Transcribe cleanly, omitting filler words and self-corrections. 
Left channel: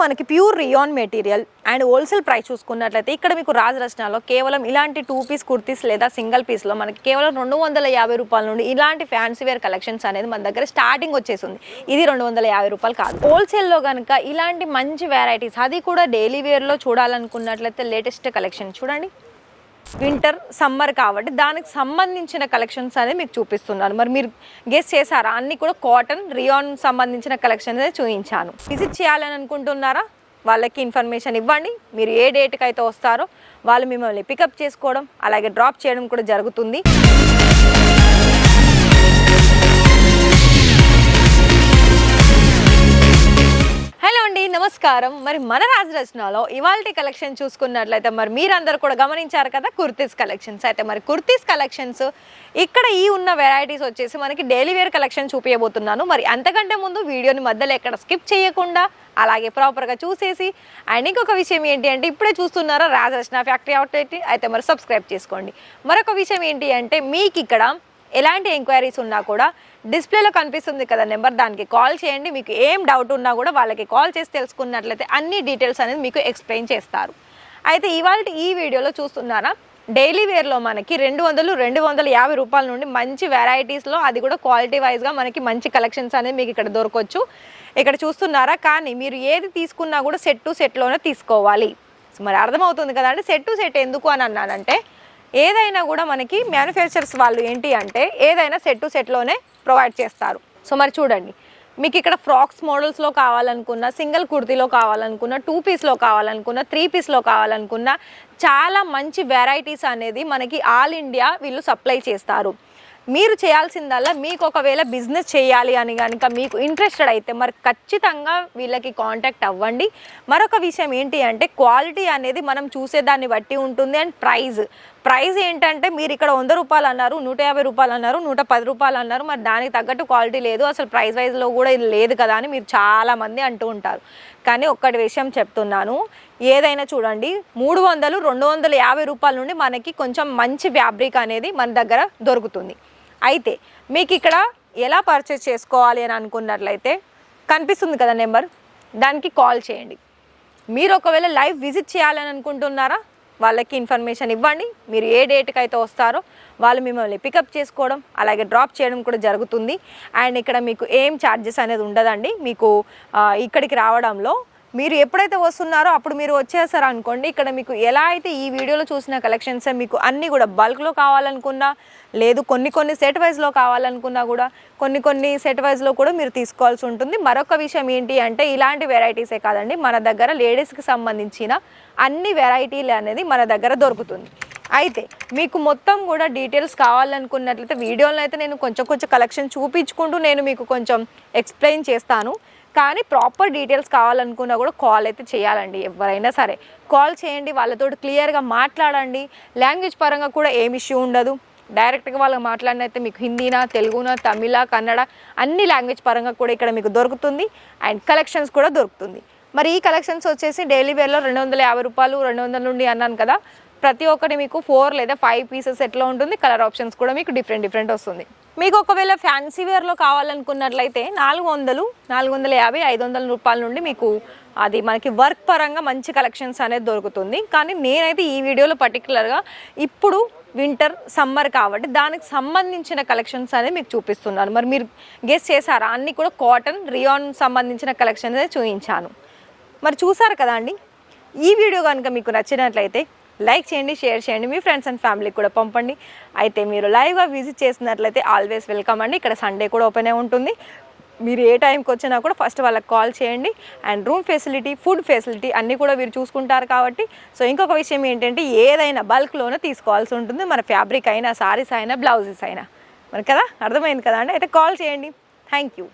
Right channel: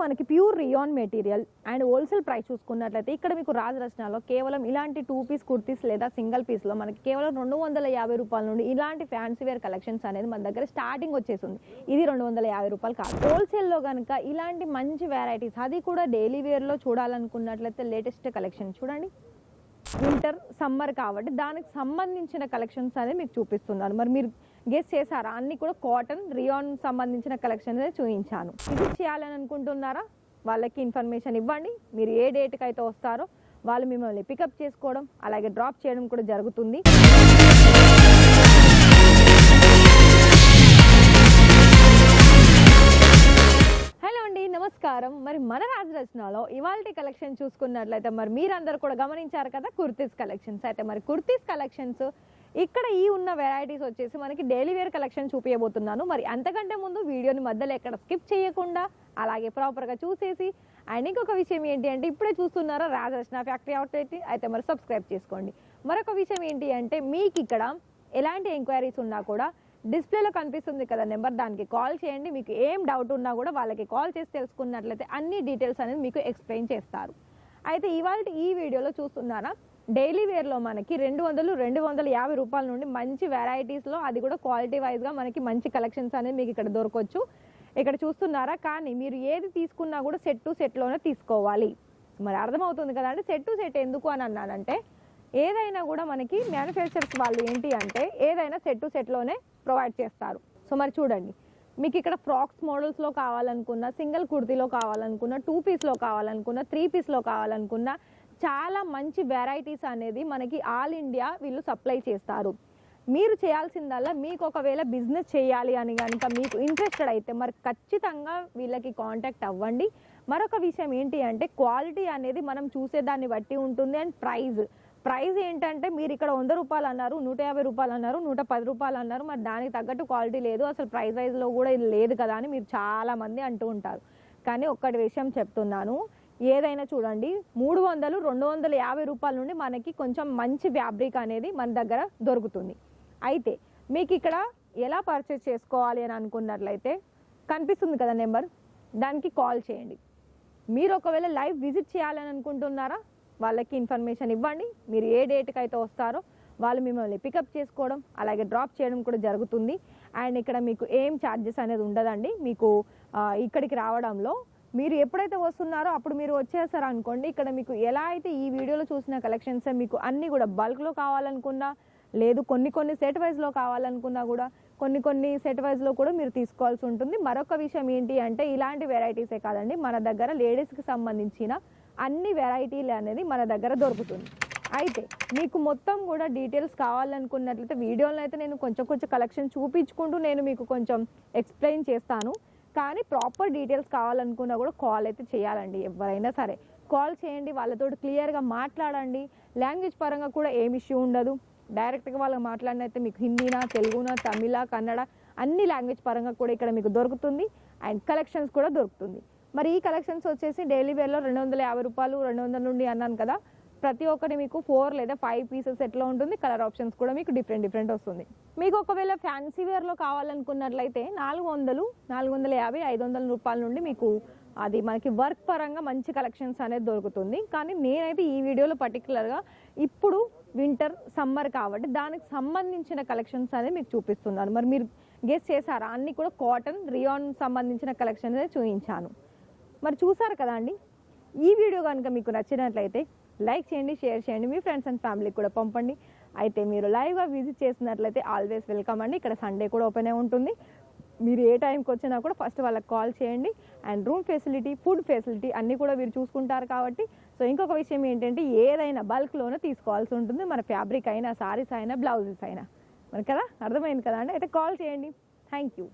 మనకి pure rayon material and wholesale price చూసుకున్నట్లయితే ఇక్కడ మీకు రాజ్ రచనలో కేవలం ఇలాంటి 2 పీస్ కుర్తీస్ లేదా సింగిల్ పీస్లో మనకి కేవలం 250 రూపాయల నుండి ఇలాంటి ఫ్యాన్సీ వేర్ కలెక్షన్స్ అనేది మన దగ్గర స్టార్టింగ్ వచ్చేసింది. ఇది 250 రూపాయలు కాదు. హోల్సేల్లో కనుక ఇలాంటి మంచి వెరైటీస్, అది కూడా డైలీ వేర్లో చూడాలనుకున్నట్లయితే లేటెస్ట్ కలెక్షన్ చూడండి. వింటర్ సమ్మర్ కాబట్టి దానికి సంబంధించిన కలెక్షన్స్ అనేది మీకు చూపిస్తున్నాను. మరి మీరు గెస్ చేశారా? అన్నీ కూడా కాటన్ రియాన్ సంబంధించిన కలెక్షన్ అనేది చూపించాను. విజిట్ చేయాలని అనుకుంటున్నారా? వాళ్ళకి ఇన్ఫర్మేషన్ ఇవ్వండి. మీరు ఏ డేట్కి అయితే వస్తారో వాళ్ళు మిమ్మల్ని పికప్ చేసుకోవడం అలాగే డ్రాప్ చేయడం కూడా జరుగుతుంది. హలో అండి, నమస్కారం. మరి మన రాజ్ రచనలో ఇవాల్టి కలెక్షన్ చూసుకున్నట్లయితే మరి మీరందరూ కూడా గమనించారు కదా, కుర్తీస్ కలెక్షన్స్. అయితే మరి కుర్తీస్ కలెక్షన్స్ ఇక్కడ ఈ ఉన్న వెరైటీస్ వచ్చేసి మనకి డైలీ వేర్ కలెక్షన్ చూపించబోతున్నాను. మరి అంతకంటే ముందు వీడియోని మధ్యలో ఎక్కడ స్కిప్ చేయకుండా అలాగే ప్రాపర్గా చూసేసి, అండ్ ఇంకొక విషయం ఏంటి అంటే ఇప్పుడే చూస్తున్నారా రాజ్ రచన ఫ్యాక్టరీ అవుట్లెట్, అయితే మరి సబ్స్క్రైబ్ చేసుకోండి. మరొక విషయం ఏంటి అంటే మీకు ఇక్కడ ఎలాంటి ఎంక్వైరీస్ ఉన్నా కూడా డిస్ప్లేలో కనిపిస్తుంది కదా నెంబర్, దానికి కాల్ చేయండి. మీకు ఏం డౌట్ ఉన్నా కూడా వాళ్ళకి కాల్ చేసి తెలుసుకున్నట్లయితే అన్ని డీటెయిల్స్ అనేది మీకు ఎక్స్ప్లెయిన్ చేస్తారు. అయితే ఇవాళ ఈ వీడియోలో చూస్తున్నారా, డైలీ వేర్లో మనకి 200-250 రూపాయల నుండి మంచి వెరైటీస్లో, అది కూడా క్వాలిటీ వైజ్గా మనకి మంచి కలెక్షన్స్ అనేది మీకు ఇక్కడ దొరకవచ్చు. ఇక్కడ చూస్తున్నారా, కానీ మీరు ఏది తీసుకున్నా కూడా సెట్ టు సెట్లోనే తీసుకోవాలి. మరి అర్థమవుతుంది కదా అంటే సెట్ టు సెట్ ఎందుకు అని అన్నానంటే, ఏదైనా కూడా మనకి మ్యానుఫ్యాక్చరర్స్ వాళ్ళు ఏంటి అంటే ఏదైనా సెట్ టు సెట్లోనే ప్రొవైడ్ చేస్తారు. సో మరి చూడండి, మీకు ఇక్కడ ఫ్రాక్స్ మోడల్స్లో కావాలనుకున్న, సింగిల్ కుర్తీలో కావాలనుకున్న, 2 పీస్లో కావాలనుకున్న, 3 పీస్లో కావాలనుకున్న చాలా మంచి వెరైటీస్ అనేది మనకి ఆల్ ఇండియా వీళ్ళు సప్లై చేస్తారు. మీరు చేయాల్సిందల్లా మీకు ఒకవేళ బిజినెస్ చేయాలి అని కనుక మీకు ఇంట్రెస్టెడ్ అయితే మరి ఖచ్చితంగా వీళ్ళకి కాంటాక్ట్ అవ్వండి. మరొక విషయం ఏంటి అంటే క్వాలిటీ అనేది మనం చూసేదాన్ని బట్టి ఉంటుంది. అండ్ ప్రైస్ ఏంటంటే మీరు ఇక్కడ 100 రూపాయలు అన్నారు, 150 రూపాయలు అన్నారు, 110 రూపాయలు అన్నారు, మరి దానికి తగ్గట్టు క్వాలిటీ లేదు, అసలు ప్రైస్ వైజ్లో కూడా ఇది లేదు కదా అని మీరు చాలామంది అంటూ ఉంటారు. కానీ ఒక్కటి విషయం చెప్తున్నాను, ఏదైనా చూడండి 300-250 రూపాయల నుండి మనకి కొంచెం మంచి ఫ్యాబ్రిక్ అనేది మన దగ్గర దొరుకుతుంది. అయితే మీకు ఇక్కడ ఎలా పర్చేస్ చేసుకోవాలి అని అనుకున్నట్లయితే కనిపిస్తుంది కదా నెంబర్, దానికి కాల్ చేయండి. మీరు ఒకవేళ లైవ్ విజిట్ చేయాలని అనుకుంటున్నారా, వాళ్ళకి ఇన్ఫర్మేషన్ ఇవ్వండి. మీరు ఏ డేట్కి అయితే వస్తారో వాళ్ళు మిమ్మల్ని పికప్ చేసుకోవడం అలాగే డ్రాప్ చేయడం కూడా జరుగుతుంది. అండ్ ఇక్కడ మీకు ఏం ఛార్జెస్ అనేది ఉండదండి. మీకు ఇక్కడికి రావడంలో మీరు ఎప్పుడైతే వస్తున్నారో అప్పుడు మీరు వచ్చేసారు అనుకోండి, ఇక్కడ మీకు ఎలా అయితే ఈ వీడియోలో చూసిన కలెక్షన్స్ మీకు అన్నీ కూడా బల్క్లో కావాలనుకున్నా, లేదు కొన్ని సెట్ వైజ్లో కావాలనుకున్నా కూడా కొన్ని సెట్ వైజ్లో కూడా మీరు తీసుకోవాల్సి ఉంటుంది. మరొక విషయం ఏంటి అంటే ఇలాంటి వెరైటీసే కాదండి, మన దగ్గర లేడీస్కి సంబంధించిన అన్ని వెరైటీలు అనేది మన దగ్గర దొరుకుతుంది. అయితే మీకు మొత్తం కూడా డీటెయిల్స్ కావాలనుకున్నట్లయితే వీడియోలో అయితే నేను కొంచెం కలెక్షన్ చూపించుకుంటూ నేను మీకు కొంచెం ఎక్స్ప్లెయిన్ చేస్తాను. కానీ ప్రాపర్ డీటెయిల్స్ కావాలనుకున్నా కూడా కాల్ అయితే చేయాలండి. ఎవరైనా సరే కాల్ చేయండి, వాళ్ళతో క్లియర్గా మాట్లాడండి. లాంగ్వేజ్ పరంగా కూడా ఏం ఇష్యూ ఉండదు. డైరెక్ట్గా వాళ్ళకి మాట్లాడినైతే మీకు హిందీనా, తెలుగునా, తమిళ, కన్నడ అన్ని లాంగ్వేజ్ పరంగా కూడా ఇక్కడ మీకు దొరుకుతుంది. అండ్ కలెక్షన్స్ కూడా దొరుకుతుంది. మరి ఈ కలెక్షన్స్ వచ్చేసి డైలీ వేర్లో 250 రూపాయలు, 200 నుండి అన్నాను కదా, ప్రతి ఒక్కటి మీకు 4 లేదా 5 పీసెస్ ఎట్లా ఉంటుంది. కలర్ ఆప్షన్స్ కూడా మీకు డిఫరెంట్ వస్తుంది. మీకు ఒకవేళ ఫ్యాన్సీ వేర్లో కావాలనుకున్నట్లయితే 400, 450, 500 రూపాయల నుండి మీకు అది మనకి వర్క్ పరంగా మంచి కలెక్షన్స్ అనేది దొరుకుతుంది. కానీ నేనైతే ఈ వీడియోలో పర్టికులర్గా ఇప్పుడు వింటర్ సమ్మర్ కాబట్టి దానికి సంబంధించిన కలెక్షన్స్ అనేది మీకు చూపిస్తున్నాను. మరి మీరు గెస్ చేశారా? అన్నీ కూడా కాటన్ రియాన్ సంబంధించిన కలెక్షన్ అనేది చూపించాను. మరి చూసారు కదా అండి. ఈ వీడియో కనుక మీకు నచ్చినట్లయితే లైక్ చేయండి, షేర్ చేయండి, మీ ఫ్రెండ్స్ అండ్ ఫ్యామిలీకి కూడా పంపండి. అయితే మీరు లైవ్గా విజిట్ చేసినట్లయితే ఆల్వేస్ వెల్కమ్ అండి. ఇక్కడ సండే కూడా ఓపెన్ ఉంటుంది. మీరు ఏ టైంకి వచ్చినా కూడా ఫస్ట్ వాళ్ళకి కాల్ చేయండి. And room facility, food facility అన్నీ కూడా మీరు చూసుకుంటారు కాబట్టి. సో ఇంకొక విషయం ఏంటంటే ఏదైనా బల్క్లోనే తీసుకోవాల్సి ఉంటుంది. మన ఫ్యాబ్రిక్ అయినా, సారీస్ అయినా, బ్లౌజెస్ అయినా. మరి కదా అర్థమైంది కదా అండి. అయితే కాల్ చేయండి. Thank you.